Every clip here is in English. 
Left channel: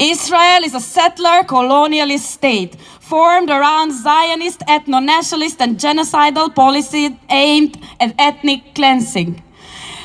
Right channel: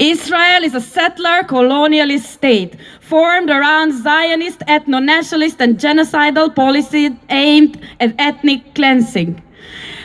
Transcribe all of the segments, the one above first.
Israel is a settler colonialist state formed around Zionist, ethno-nationalist and genocidal policy aimed at ethnic cleansing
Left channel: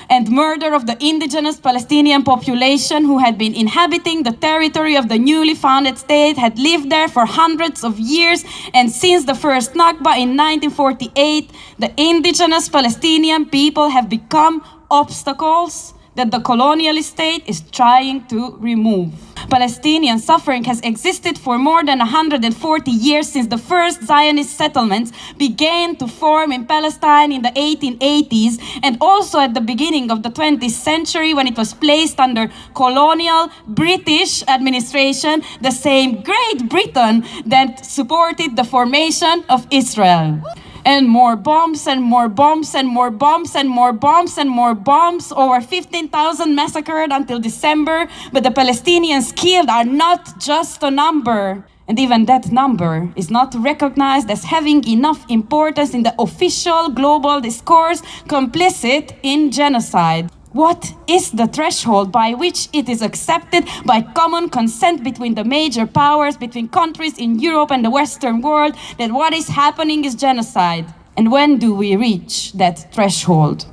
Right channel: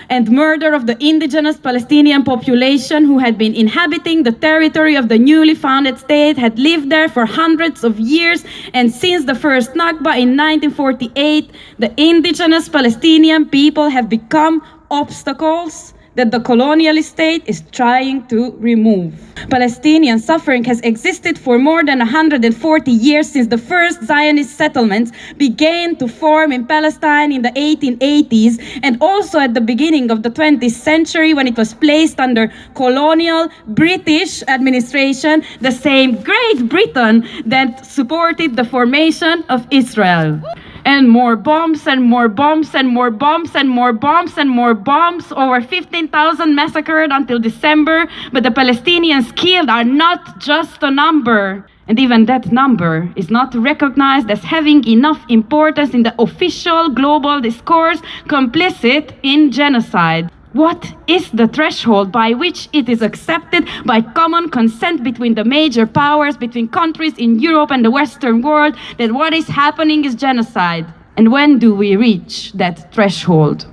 and murder of the indigenous Palestinian population who had been inhabiting the territory of the newly founded state, had lived there for hundreds of years, and since the first Nakba in 1948, the indigenous Palestinian people have become obstacles that the colonialist state is trying to remove. Palestinian suffering has existed for more than 140 years since the first Zionist settlements began to form in Palestine in the 1880s, and also at the beginning of the 20th century when it was placed under colonial British administration, the same Great Britain that supported the formation of Israel. And more bombs and more bombs and more bombs and more bombs and more bombs. Over 15,000 massacred until December. But the Palestinians killed are not just a number. And even that number is not recognized as having enough importance in the official global discourse, complicit in genocide. What is the threshold by which it is accepted by common consent between the major powers, between countries in Europe and the Western world, that what is happening is genocide? And when do we reach that threshold?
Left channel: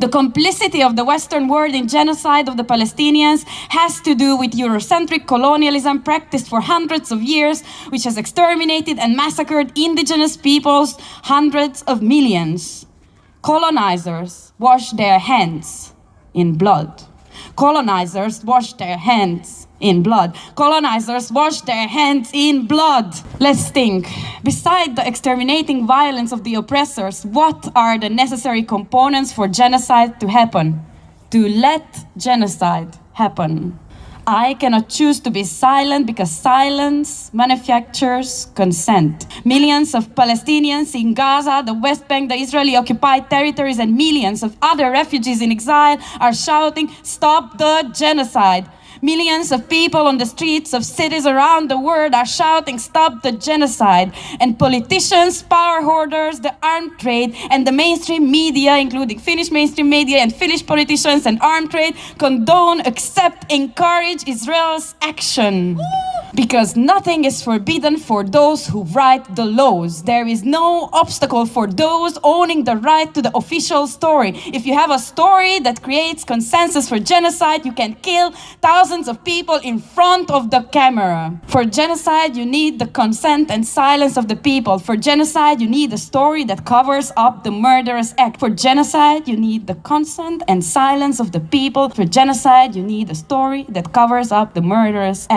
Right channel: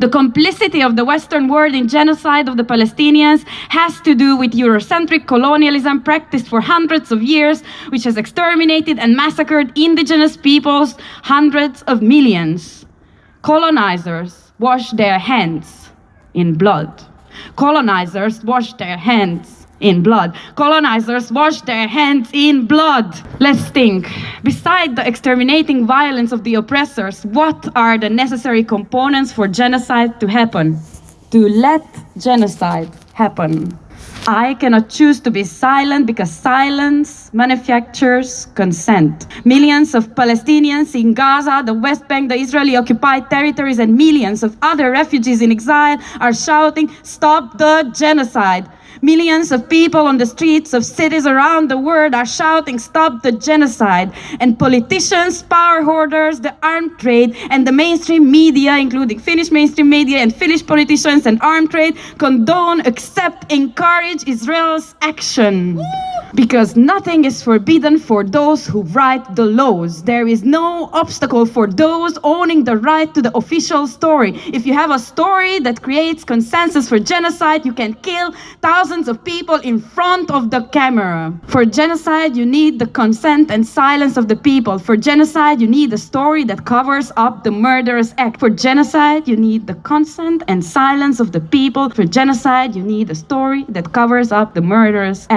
The complicity of the Western world in genocide of the Palestinians has to do with Eurocentric colonialism practiced for hundreds of years, which has exterminated and massacred indigenous peoples, hundreds of millions. Colonizers wash their hands in blood. Colonizers wash their hands in blood. Colonizers wash their hands in blood. Let's think. Beside the exterminating violence of the oppressors, what are the necessary components for genocide to happen? To let genocide happen. I cannot choose to be silent because silence manufactures consent. Millions of Palestinians in Gaza, the West Bank, the Israeli-occupied territories, and millions of other refugees in exile are shouting, "Stop the genocide." Millions of people on the streets of cities around the world are shouting, "Stop the genocide." And politicians, power hoarders, the armed trade, and the mainstream media, including Finnish mainstream media and Finnish politicians and armed trade, condone, accept, encourage Israel's action. Because nothing is forbidden for those who write the laws. There is no obstacle for those owning the right to the official story. If you have a story that creates consensus for genocide, you can kill thousands of people in front of the camera. For genocide, you need the consent and silence of the people. For genocide, you need a story that covers up the murderous act. For genocide, you need the consent and silence of the people. For genocide, you need a story that covers up the murderous act.